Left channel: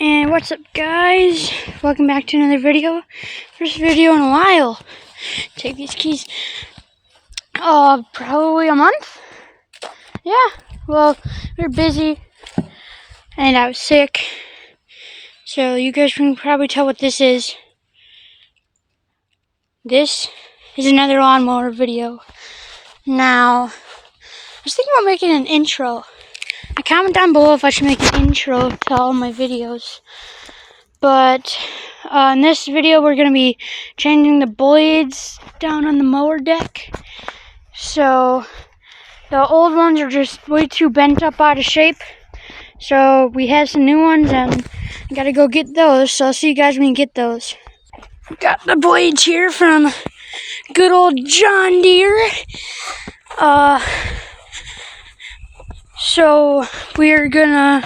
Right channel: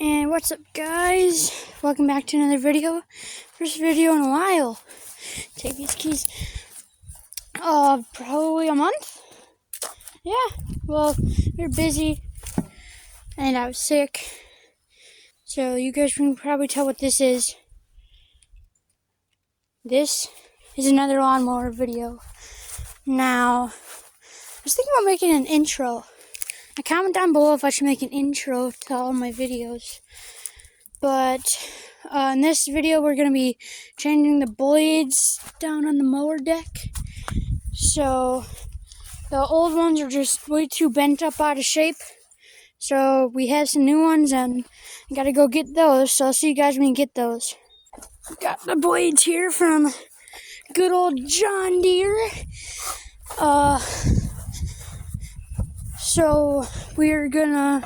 And what's up, guys? Welcome back to another video. First video in a while. Take these keys. Probably a month. Yeah. Well, we were busy, and I was sick. So you guys can probably tell what this is. This is another lawnmower video. Now, I was thinking about making an intro. Comment down below if I should make an intro to all my videos. But in this video, we're going to be changing the blades down on the mower deck. So the old ones are just way too bent up out of shape. So we have some new ones and I got to go get those. So I'll see you guys when you get those. Got the blades here from good old John Deere. So we're gonna...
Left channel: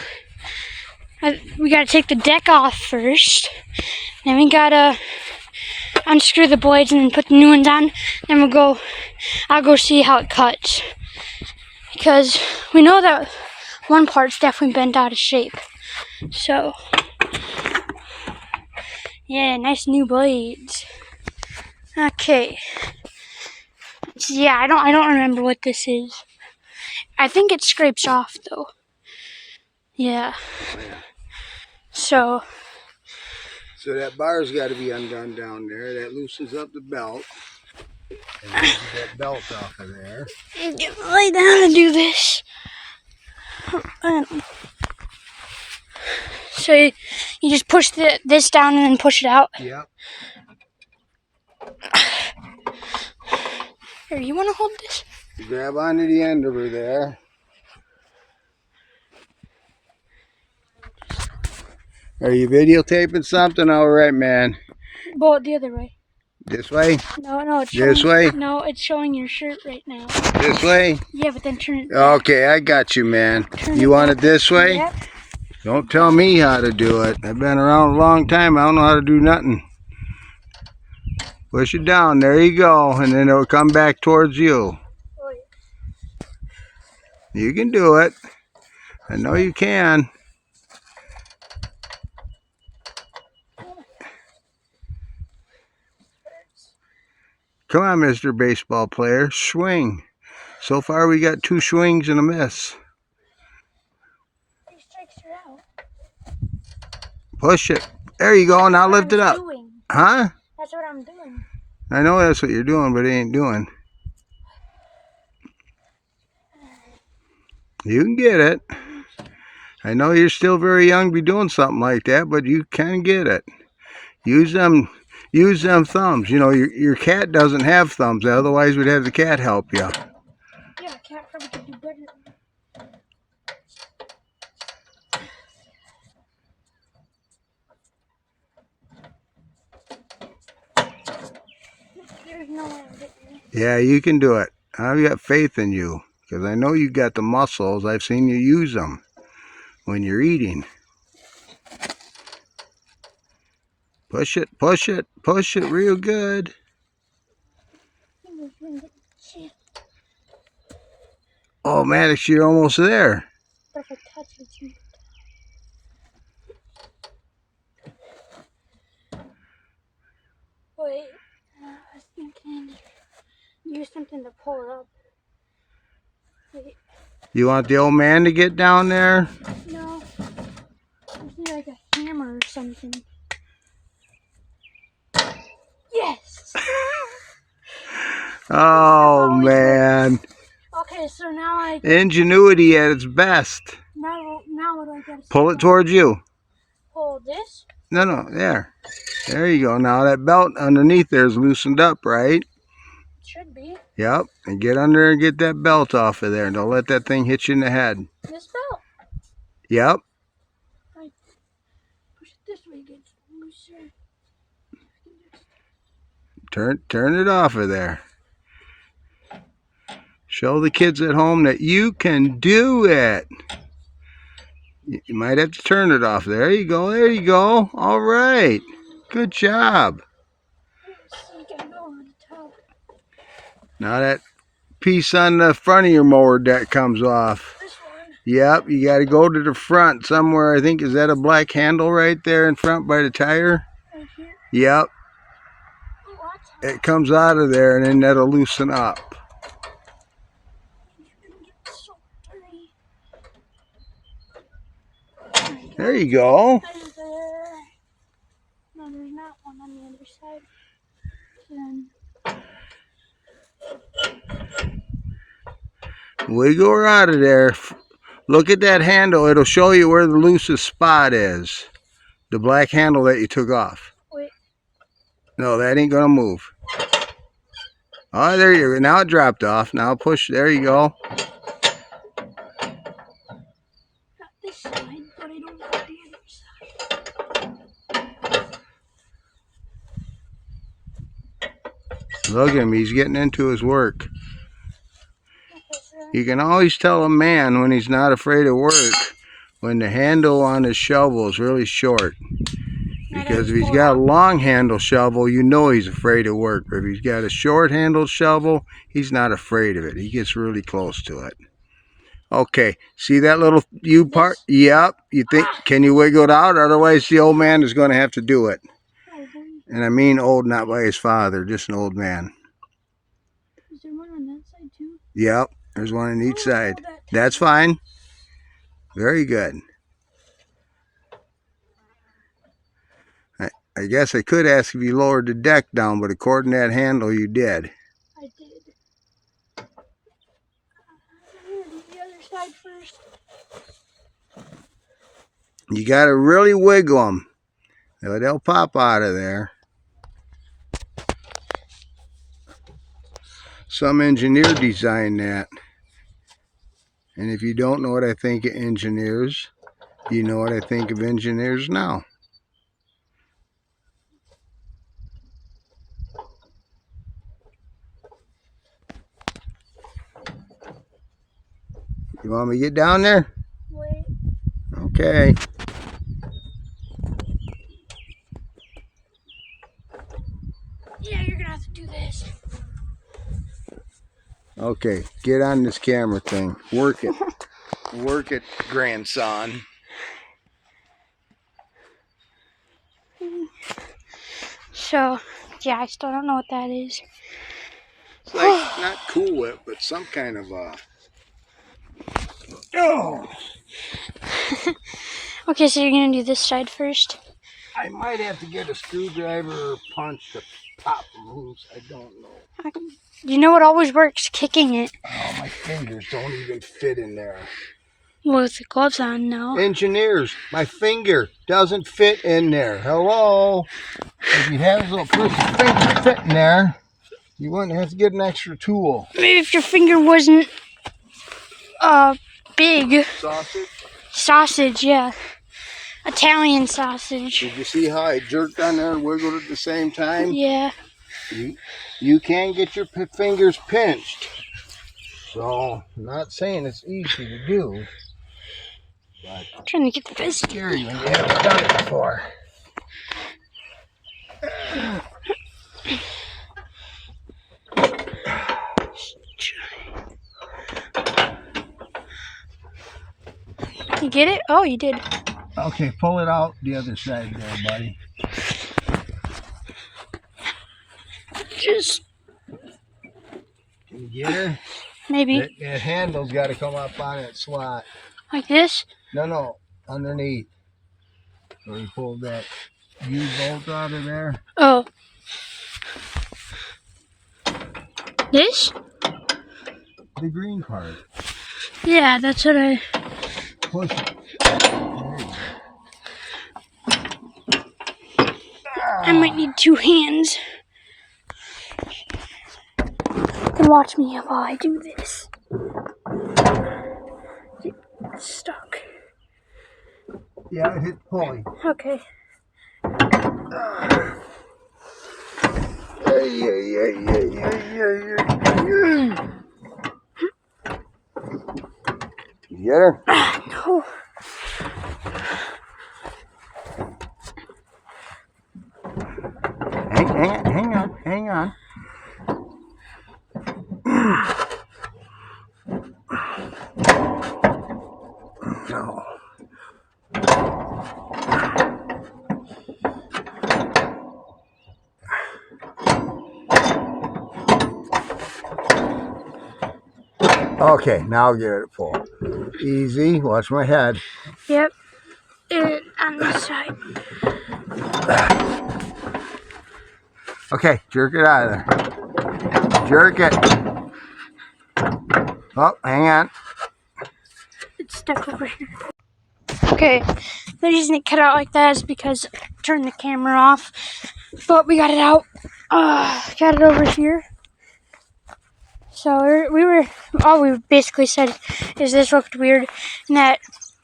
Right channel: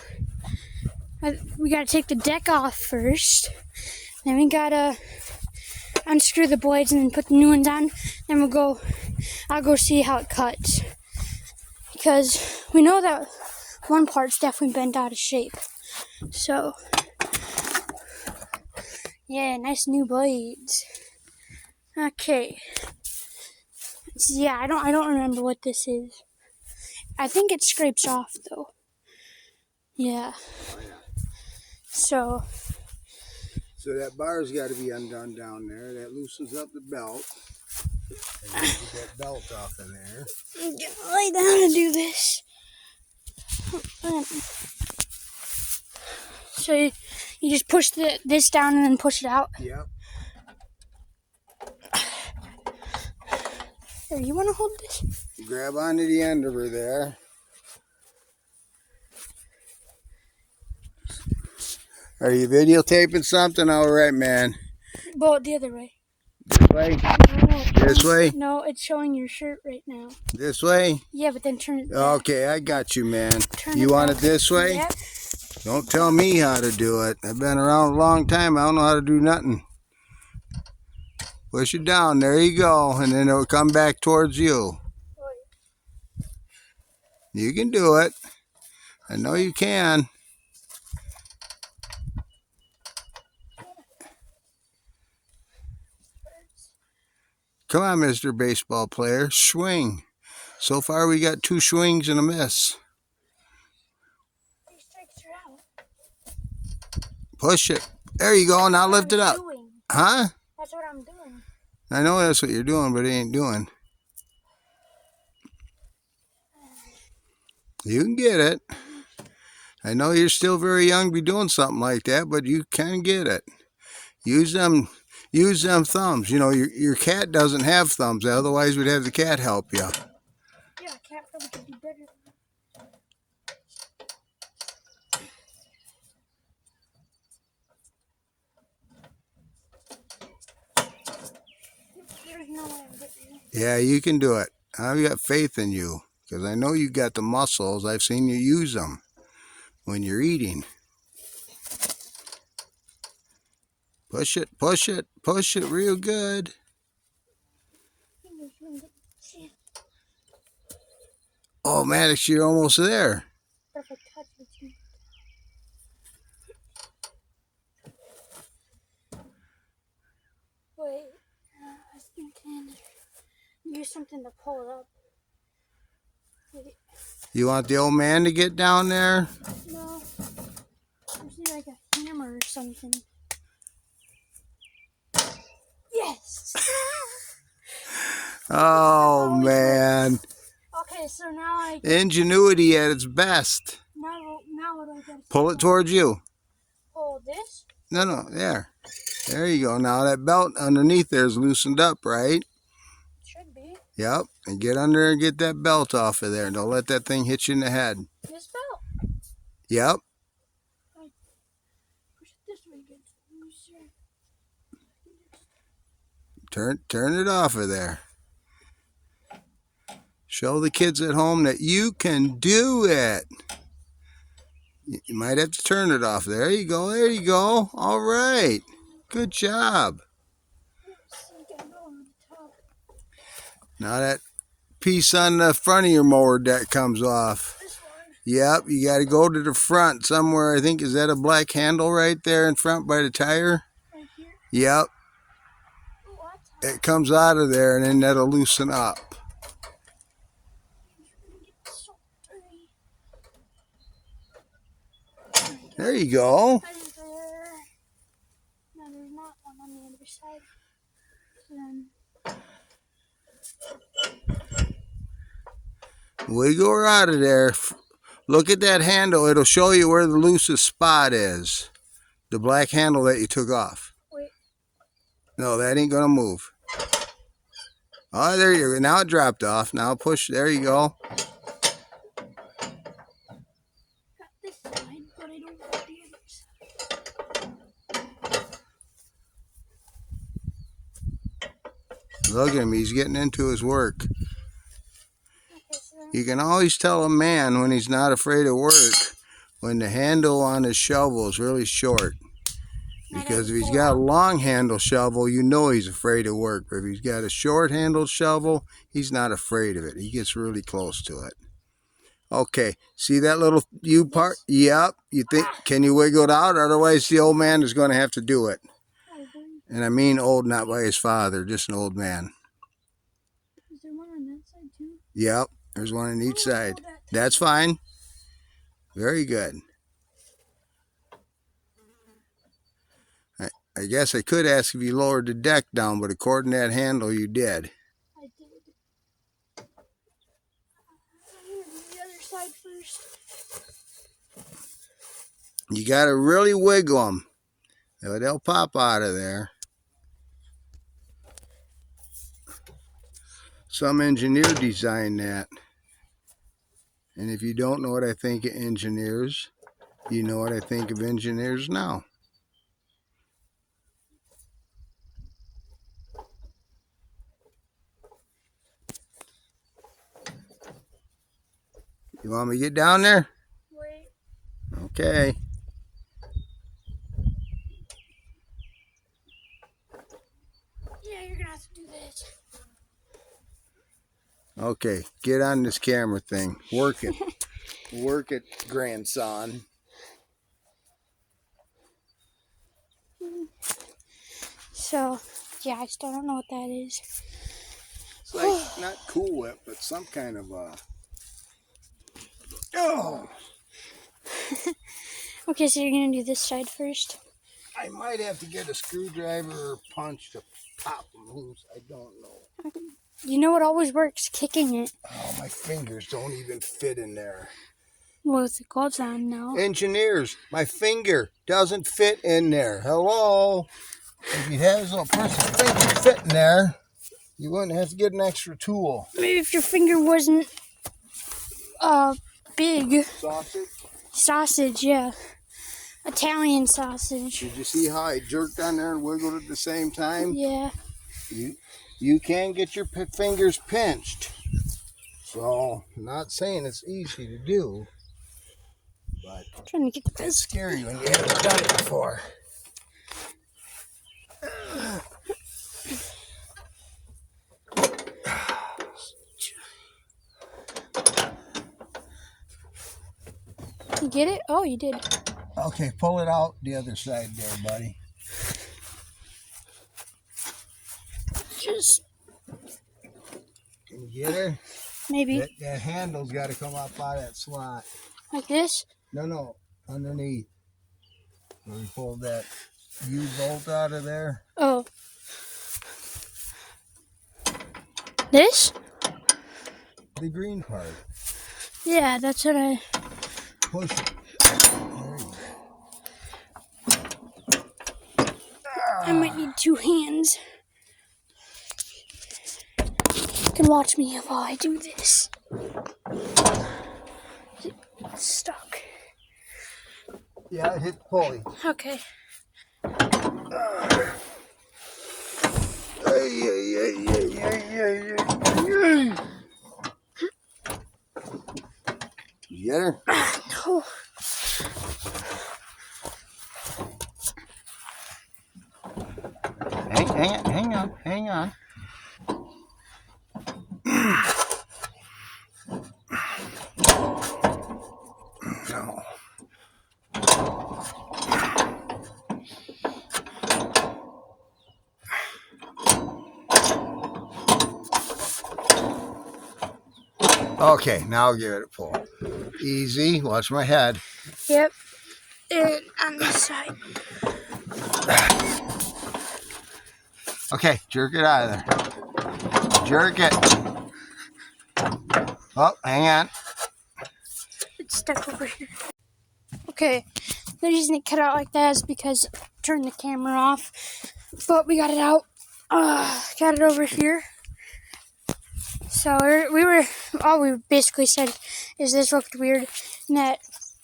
we gotta take the deck off first. Then we gotta unscrew the blades and then put the new ones on. Then I'll go see how it cuts. Because we know that one part's definitely bent out of shape. So, yeah, nice new blades. Okay. So, yeah, I don't remember what this is. I think it scrapes off though. Yeah. So that bar's got to be undone down there. That loosens up the belt. And then get that belt off of there. Lay down and do this. So you just push this down and then push it out? Yep. Here, you want to hold this? You grab onto the end of her there. Are you videotaping something? All right, man. Well, the other way. This way? No, it's this way? No, it's showing your shirt right now. This way? Yeah, but then turn it back. Okay, I got you, man. You want it this way? Yeah. Don't tell me how to do it. I've been around a long time. I don't know how to do nothing. Push it down. There you go. And then it'll come back towards you. You can do it. I know you can. Come on, Mr. Baseball Player. Swing. So far, we got 2 swings and a miss. These strikes are out. Push it. There you go. Now lift it up. Huh? That's what I'm doing. I know that's what you're doing, but it ain't doing. You can get it. I know you're still very young to be doing something like that, but you can get it. Use them thumbs. You know, your cat doesn't have thumbs. Otherwise, we'd have the cat help you. Yeah, cat probably could do better. There's no way I'm getting it. Yeah, you can do it. I've got faith in you because I know you got the muscles. I've seen you use them when you're eating. Push it, push it, push it real good. Oh, Maddox, you're almost there. Perfect touch with you. Wait, I was thinking use something to pull it up. Wait. You want the old man to get down there? No, I just need like a hammer or something. Yes! Oh, man. Okay, so now Ingenuity at its best. Now what do I gotta Pull it towards you. pull this? No, there. There you go. Now that belt underneath there is loosened up, right? Should be. Yep. And get under and get that belt off of there. Don't let that thing hit you in the head. This belt? Yep. I push it this way, get looser. Turn it off of there. Show the kids at home that you can do it. You might have to turn it off. There you go. There you go. All right. Good job. Now that piece on the front of your mower deck comes off. This one? Yep, you got to go to the front somewhere. I think, is that a black handle right there in front by the tire? Right here? Yep. Oh, It comes out of there and then that'll loosen up. There you go. No, there's not one on the other side. Wiggle her out of there. Look at that handle. It'll show you where the loosest spot is. The black handle that you took off. Wait. No, that ain't gonna move. Oh, there you go. Now it dropped off. Now push. There you go. Got this side, but I don't got the other side. Look at him. He's getting into his work. You can always tell a man when he's not afraid of work when the handle on his shovel is really short. Because if he's got a long handle shovel, you know he's afraid of work. But if he's got a short handled shovel, he's not afraid of it. He gets really close to it. Okay, see that little U part? Yep. You think, can you wiggle it out? Otherwise, the old man is going to have to do it. And I mean old, not by his father, just an old man. Is there one on that side too? Yep, there's one on each side. That's fine. Very good. I guess I could ask if you lowered the deck down, but according to that handle, you did. I did. I'm gonna do the other side first. You got to really wiggle them. They'll pop out of there. Some engineer designed that. And if you don't know what I think of engineers, you know what I think of engineers now. You want me to get down there? Wait. Okay. Yeah, you're gonna have to do this. Okay, get on this camera thing. Work it. Work it, grandson. So, yeah, I still don't know what that is. It's like not Cool Whip, but some kind of Oh. Okay, so you're gonna do this side first? I might have to get a screwdriver or punch to pop them loose. I don't know. You know what always works? Kicking it. Oh, my fingers don't even fit in there. Well, with the gloves on now. Engineers, my finger doesn't fit in there. Hello? If you have his little person's finger fit in there, you wouldn't have to get an extra tool. Maybe if your finger wasn't big. Sausage? Sausage, yeah. Italian sausage. Did you see how I jerked on there and wiggled at the same time? Yeah. You can get your fingers pinched. So, I'm not saying it's easy to do. But I'm trying to get this. it's scary when you haven't done it before. You get it? Oh, you did. Okay, pull it out the other side there, buddy. Just Can you get her? maybe That handle's got to come up out of that slot. like this. No, underneath. Where you pulled that U-bolt out of there. Oh. This? The green part. Yeah, that's what I... Push it. There you go. I might need two hands. You can watch me while I do this. It's stuck. Yeah, it hit the pulley. Okay. You get her? No. Hang on. Okay, now give it a pull. Easy. Watch my head. Yep. And on this side. Okay, jerk it out of there. Jerk it. Oh, hang on. It's stuck over here. Okay, the reason it cut out like that is because I turned the camera off. But we got it out. Got it over here. So all we basically said is this looked weird and that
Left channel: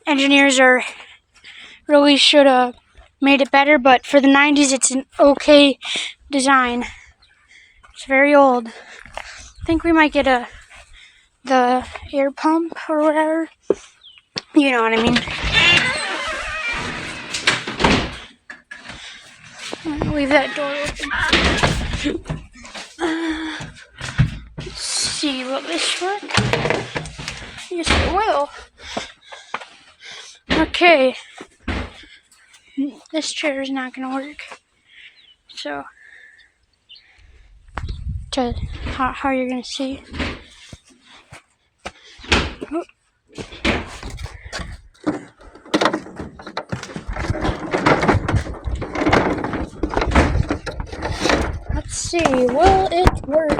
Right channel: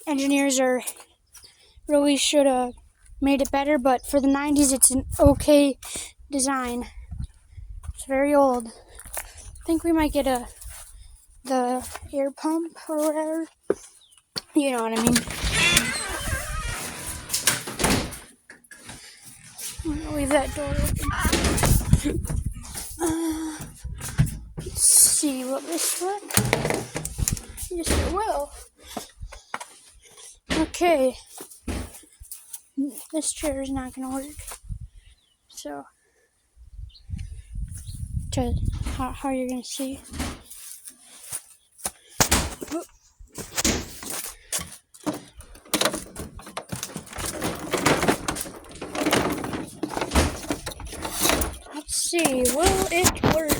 engineers really should have made it better, but for the 90s it's an okay design. It's very old. I think we might get the air pump or whatever. You know what I mean. I'm gonna leave that door open. Let's see, will this work? Yes, it will. Okay. This chair is not gonna work. So, how you're gonna see. Let's see, will it work?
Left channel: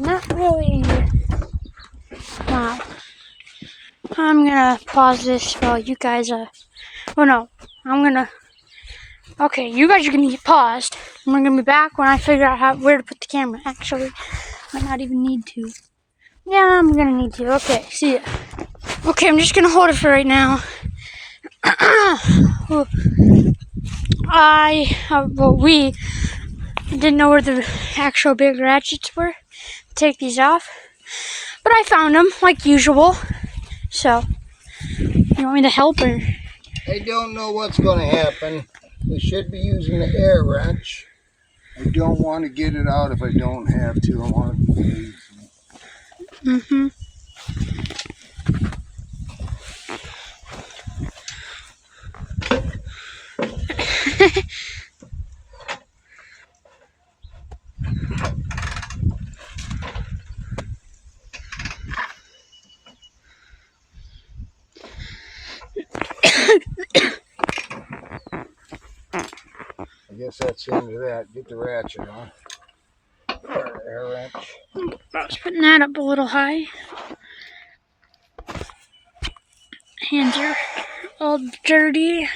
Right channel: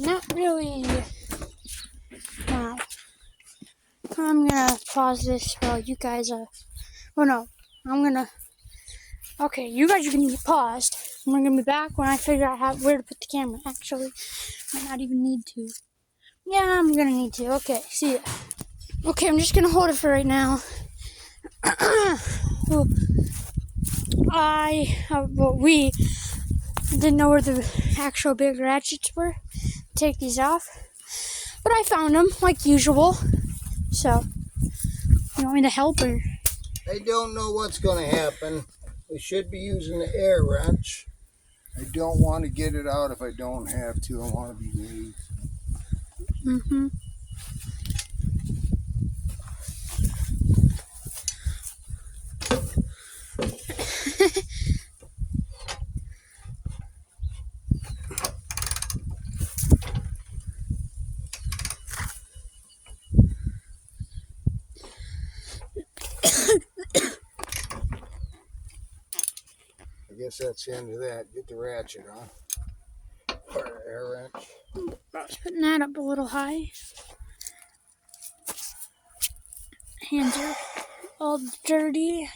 Not really. Wow. I'm gonna pause this while you guys, oh no, okay, you guys are gonna get paused. And we're gonna be back when I figure out where to put the camera. Actually, might not even need to. Yeah, I'm gonna need to. Okay, see ya. Okay, I'm just gonna hold it for right now. We didn't know where the actual big ratchets were to take these off, but I found them like usual. So, you want me to help or? I don't know what's going to happen. We should be using the air wrench. I don't want to get it out if I don't have to. I want to be lazy. Mm-hmm. I guess that's the end of that. Get the ratchet on. Or air wrench. I was putting that up a little high. Hands are all dirty.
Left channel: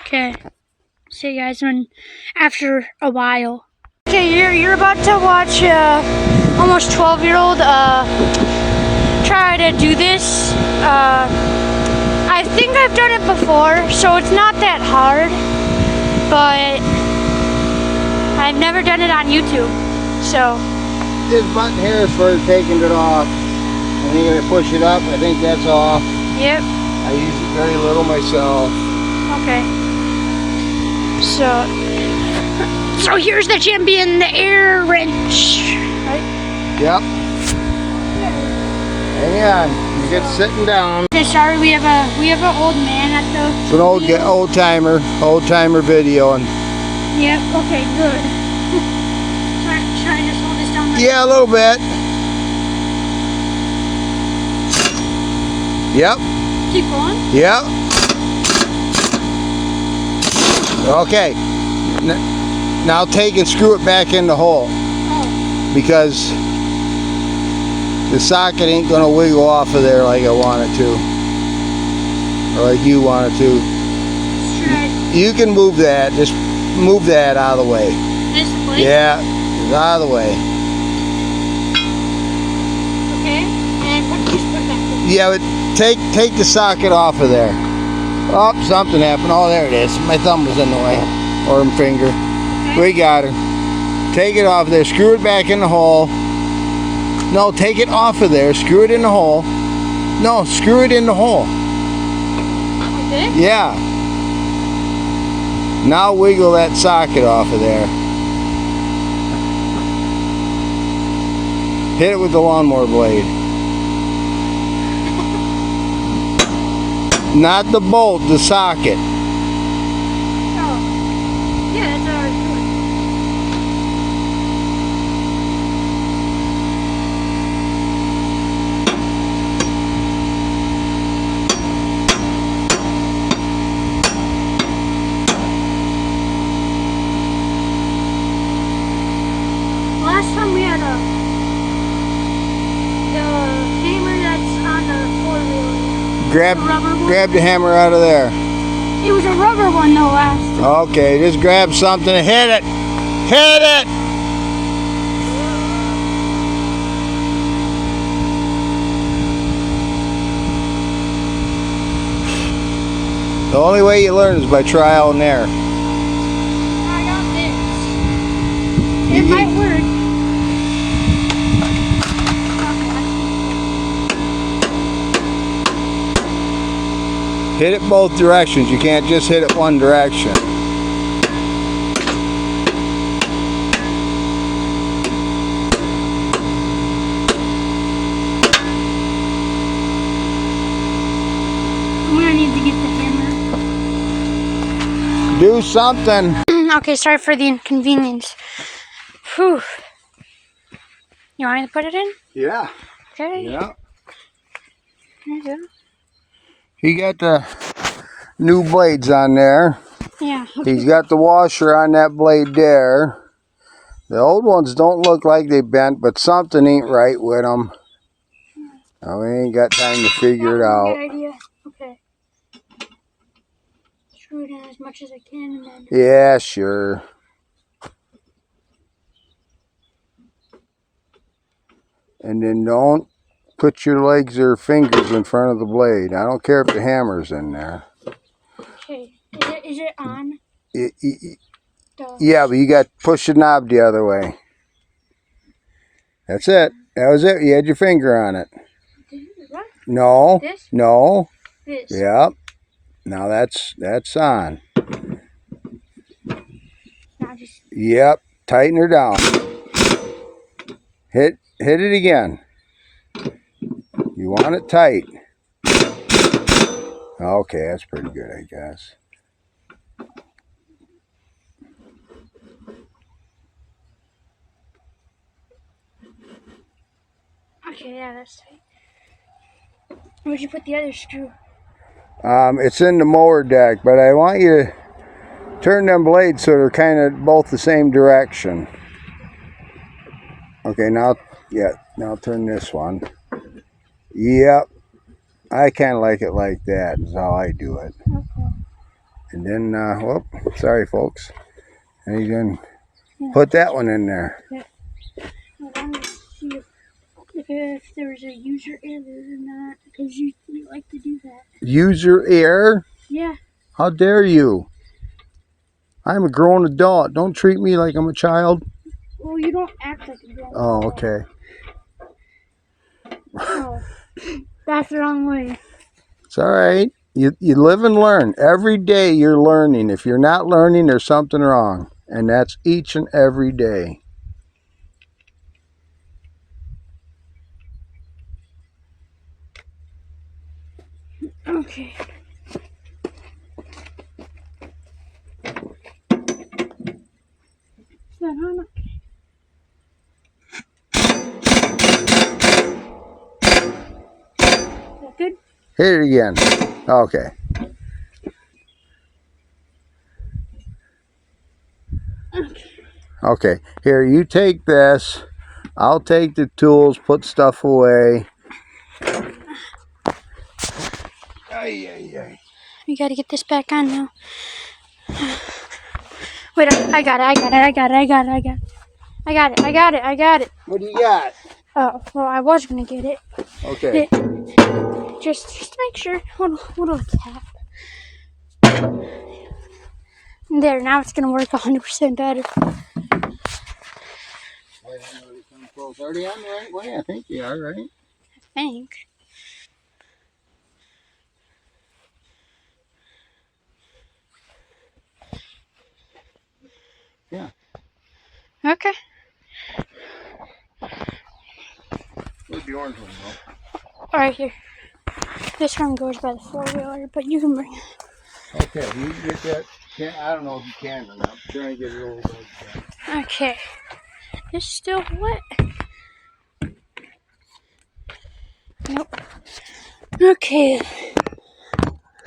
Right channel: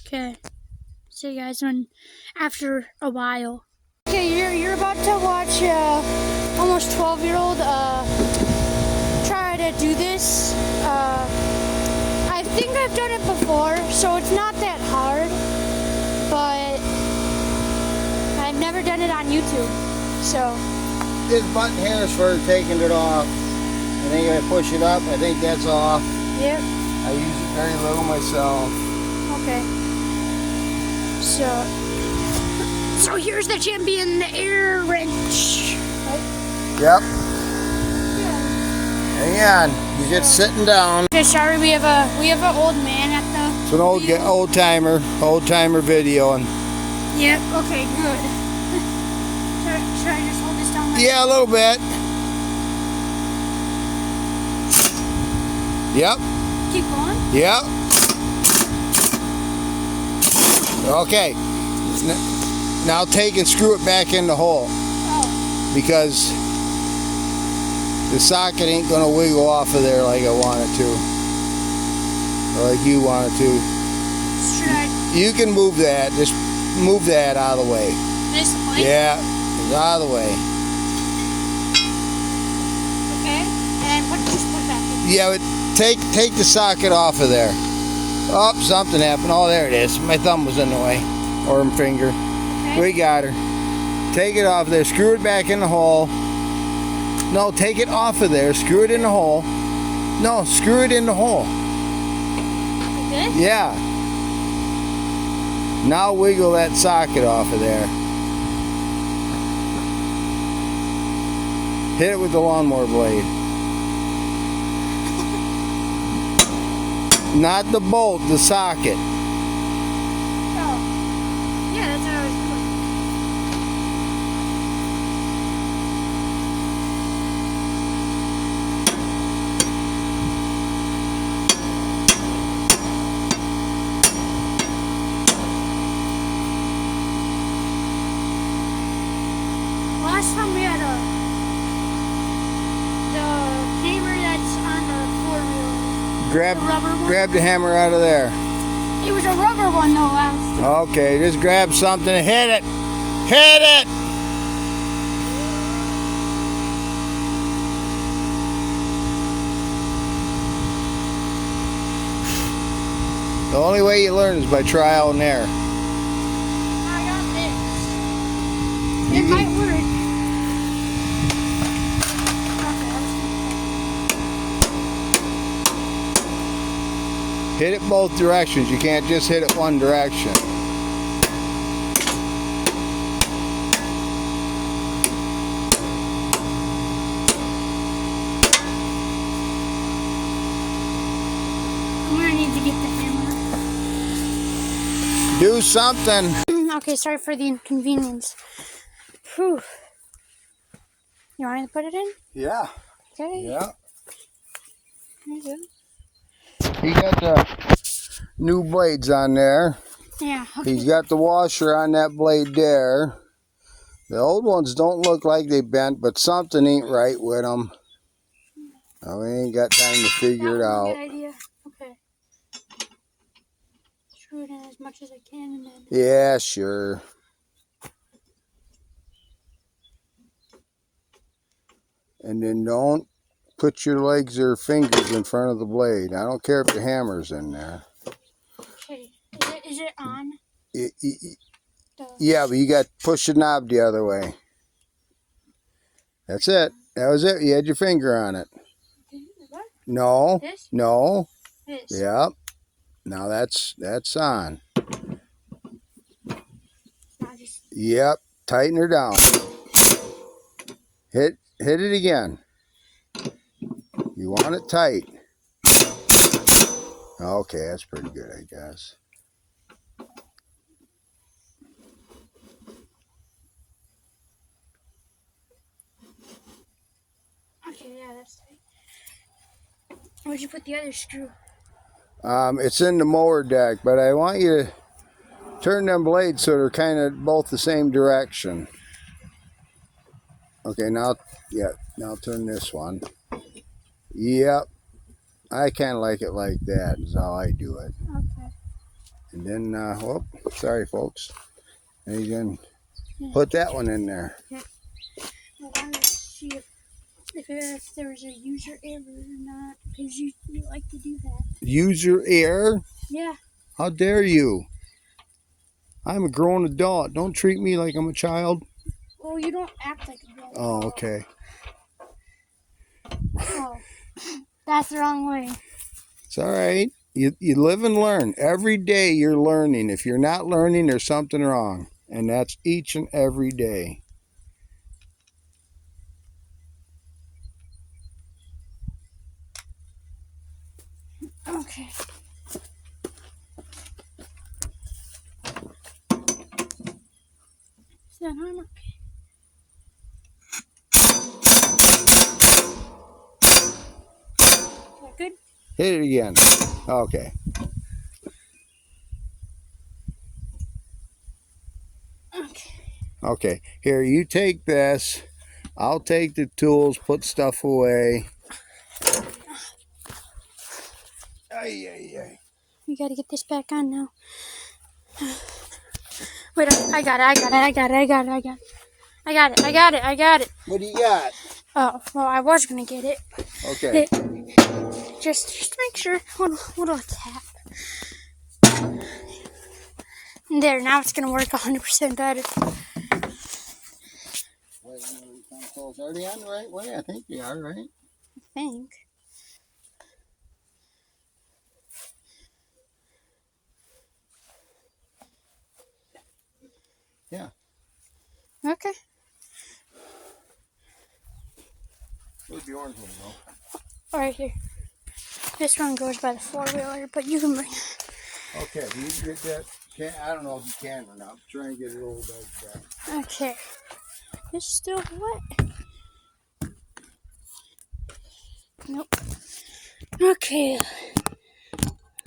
Okay. See you guys after a while. Okay, you're about to watch almost 12-year-old try to do this. I think I've done it before, so it's not that hard, but I've never done it on YouTube. So This button here is for taking it off. And then you're going to push it up. I think that's off. Yep. I use it very little myself. Okay. So here's the champion, the air wrench. Right? Yep. Hang on. You're just sitting down. Okay, sorry, we have an old man at the. It's an old timer video. And Yep. Okay. Good. Should I just hold this down? Like yeah, a little bit. Yep. Keep going. Yep. Okay. Now take and screw it back in the hole. Oh. Because the socket ain't going to wiggle off of there like I want it to. Or like you want it to. Should I? You can move that. Just move that out of the way. This plate? Yeah. Out of the way. Okay. And just put it back in. Yeah, but take the socket off of there. Oh, something happened. Oh, there it is. My thumb was in the way. Or my finger. Okay. We got her. Take it off there. Screw it back in the hole. No, take it off of there. Screw it in the hole. No, screw it in the hole. Like this? Yeah. Now wiggle that socket off of there. Hit it with the lawnmower blade. Not the bolt, the socket. Oh. Yeah, that's what I was doing. Last time we had the hammer that's on the four-wheeler. Grab the hammer out of there. It was a rubber one though last. Okay, just grab something and hit it. Hit it! The only way you learn is by trial and error. I got this. It might work. Hit it both directions. You can't just hit it one direction. I'm gonna need to get the hammer. Do something. Okay, sorry for the inconvenience. Whew. You want me to put it in? Yeah. Okay. Yeah. There you go. You got the new blades on there. Yeah. Okay. He's got the washer on that blade there. The old ones don't look like they bent, but something ain't right with them. Oh, we ain't got time to figure it out. Good idea. Okay. Screw it in as much as I can and then. Yeah, sure. And then don't put your legs or fingers in front of the blade. I don't care if the hammer's in there. Okay. Is it on? Yeah, but you got to push the knob the other way. That's it. That was it. You had your finger on it. What? No. This? No. This. Yep. Now that's on. Now just. Yep. Tighten her down. Hit it again. You want it tight. Okay, that's pretty good, I guess. Okay, yeah, that's tight. Where'd you put the other screw? It's in the mower deck, but I want you to turn them blades so they're kind of both the same direction. Okay, now turn this one. Yep. I kind of like it like that, is how I do it. Okay. And then, whoop, sorry folks. And then put that one in there. Yeah. I wanted to see if there was a user error or not, because you like to do that. User error? Yeah. How dare you? I'm a grown adult. Don't treat me like I'm a child. Well, you don't act like a grown Oh, adult. okay. Oh, that's the wrong way. It's all right. You live and learn. Every day you're learning. If you're not learning, there's something wrong. And that's each and every day. Okay. Is that on? Okay. Is that good? Hit it again. Okay. Okay. Okay. Here, you take this. I'll take the tools, put stuff away. We gotta get this back on now. Wait, I got it. What do you got? Oh, well, I was gonna get it. Okay. Just to make sure. Hold on, tap. There, now it's gonna work 100% better. Are you on the right way? I think you are, right? I think. Yeah. Okay. Where's the orange one, Right here. This one goes by the 4-wheeler, but you can bring it. Okay, you can get that. I don't know if you can or not. I'm trying to get it over there. Okay. It's still wet. Nope. Okay.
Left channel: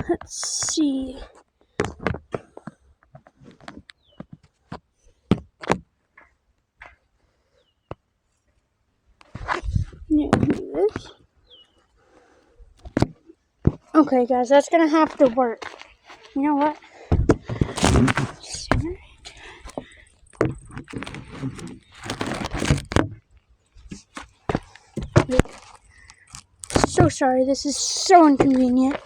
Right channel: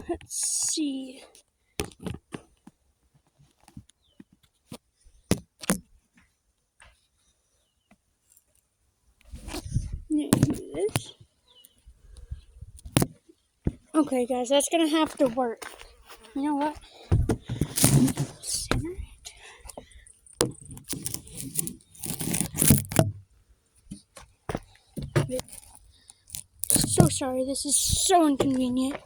Let's see. Yeah, do this. Okay, guys, that's gonna have to work. You know what? Center. Wait. So sorry, this is so inconvenient.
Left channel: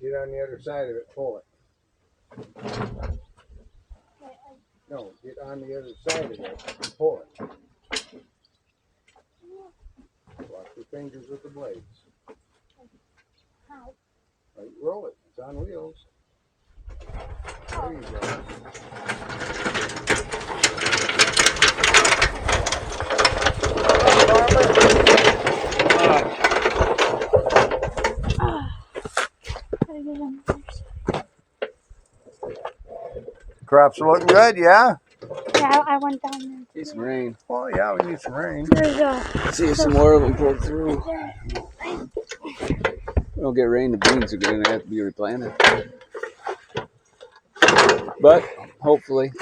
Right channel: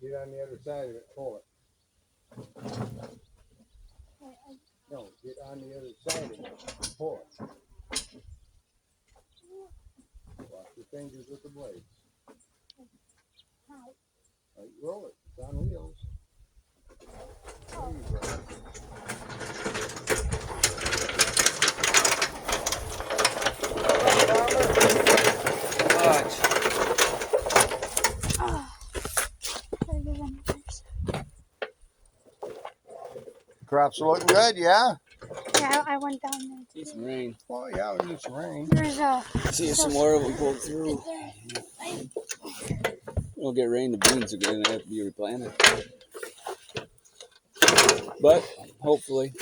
Get on the other side of it, pull it. No, get on the other side of it and pull it. Watch your fingers with the blades. How? Right, roll it. It's on wheels. There you go. Crops are looking good, yeah? Yeah, I went down there. Need some rain. Oh, yeah, we need some rain. There's a. See some more of them pulled through. There. We don't get rain, the beans are going to have to be replanted. But hopefully.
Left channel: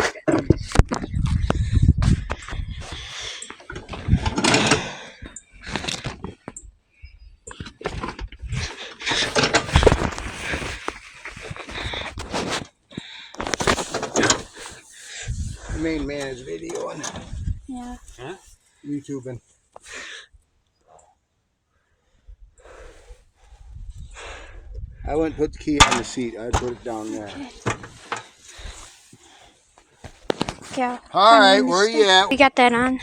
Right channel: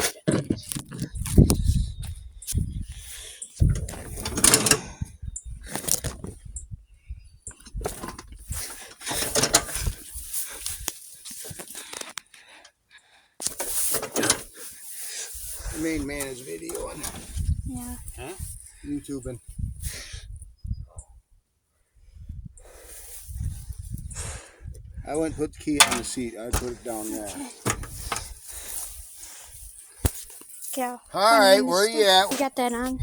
The main man is videoing. Yeah. Huh? YouTubing. I wouldn't put the key on the seat. I'd put it down there. Yeah. All right, where are you at? We got that on.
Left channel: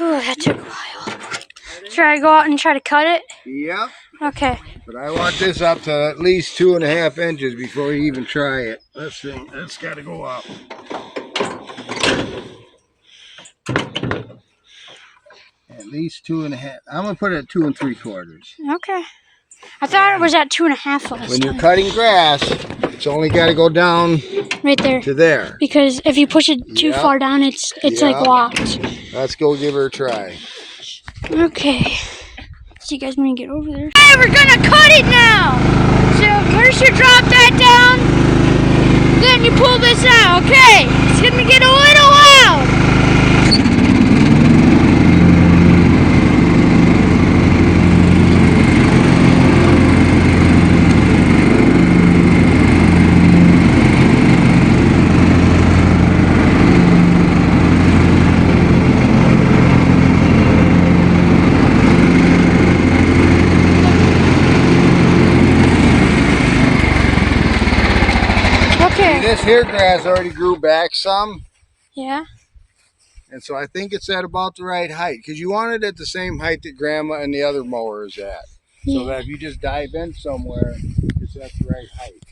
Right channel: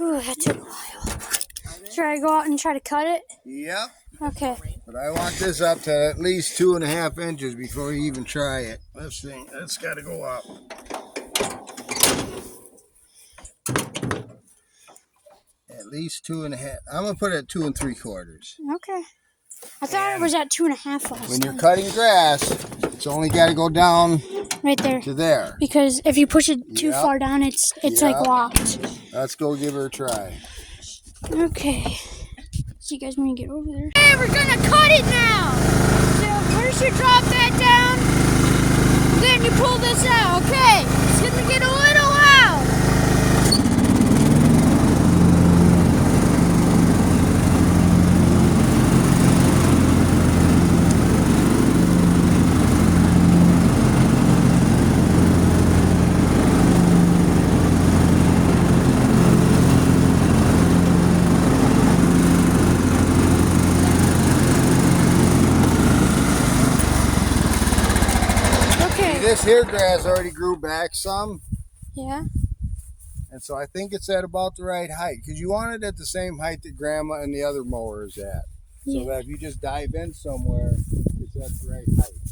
Oh, that took a while. Should I go out and try to cut it? Yep. Okay. But I want this up to at least 2.5 inches before you even try it. This thing, it's got to go up. At least 2.5. I'm gonna put it at 2 3/4. Okay. I thought it was at 2.5 last When you're time. cutting grass, it's only got to go down Right there. to there. Because if you push it too Yep. far down, it's like Yep. locked. Let's go give her a try. Okay. So you guys want to get over there? Hey, we're gonna cut it now. So first you drop that down, then you pull this out. Okay. It's gonna get a little loud. This here grass already grew back some, Yeah. and so I think it's at about the right height, because you want it at the same height that Grandma and the other mower is at. So that if you just dive in somewhere, it's at the right height.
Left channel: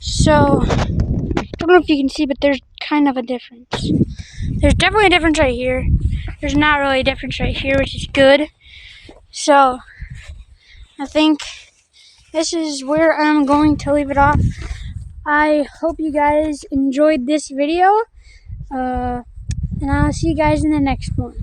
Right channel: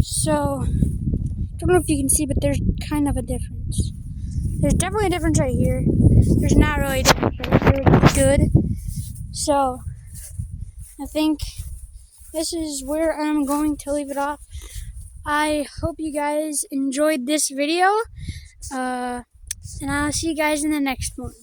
So, I don't know if you can see, but there's kind of a difference. There's definitely a difference right here. There's not really a difference right here, which is good. So, I think this is where I'm going to leave it off. I hope you guys enjoyed this video, and I'll see you guys in the next one.